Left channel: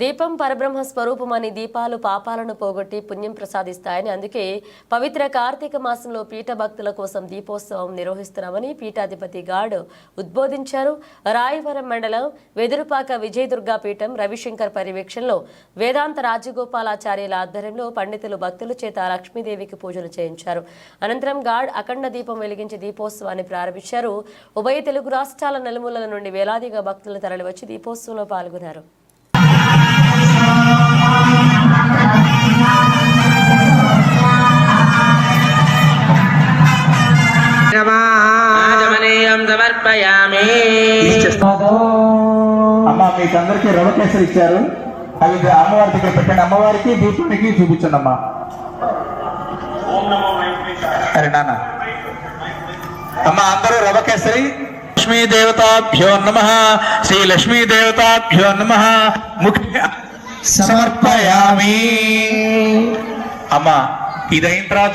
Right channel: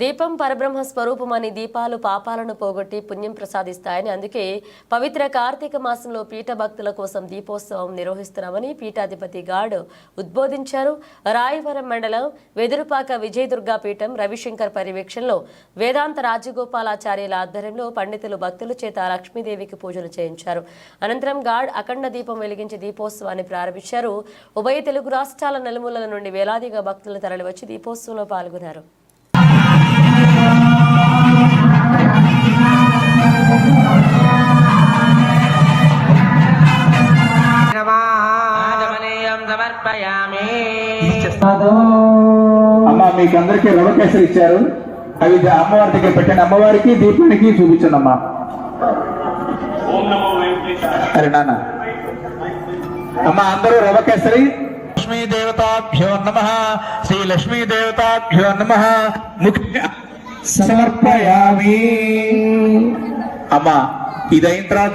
దీపం పరబ్రహ్మ స్వరూపమని దీపాలు పాపాలను పోగొట్టి పుణ్యం ప్రసాదిస్తాయని అందుకే పవిత్ర కార్తీక మాసంలో పీఠ భక్తుల కోసం దీపోత్సవం నిర్వహిస్తున్నామని పీఠాధిపతి గాడ్ ఉద్బోధించారు. రాయవరం మండలం వెదురుపాక విజయదుర్గా పీఠం రవిశంకర్ పర్యవేక్షణలో వేదాంత రాజగోపాలాచార్యుల ఆధ్వర్యంలో పండితులు భక్తుల చేత లక్ష్మీదేవికి పూజలు చేయించారు. అనంతరం గాడ్ అఖండ దీపం వెలిగించి దీపోత్సవాన్ని ప్రారంభించారు. ఉభయ తెలుగు రాష్ట్రాల నలుమూలల నుండి వేలాదిగా భక్తులు తరలివచ్చి దీపోత్సవంలో పాల్గొన్నారు. సమర్పయామి. అమ్మ మీకు అందరికీ రవ కేసరి ఇచ్చారు. అవి అమ్మవారి దగ్గర పెట్టండి. అమ్మవారికి దీపానికి చూపించండి అమ్మా. సరే నాన్న. అమ్మ అందరూ రవ కేసరి. లక్ష్మీ దేవతాభ్యో నమ. శ్రీ లక్ష్మీ దేవతాభ్యో నమ. ముఖ్య సమర్పయామి. అమ్మ ఇదైన తర్వాత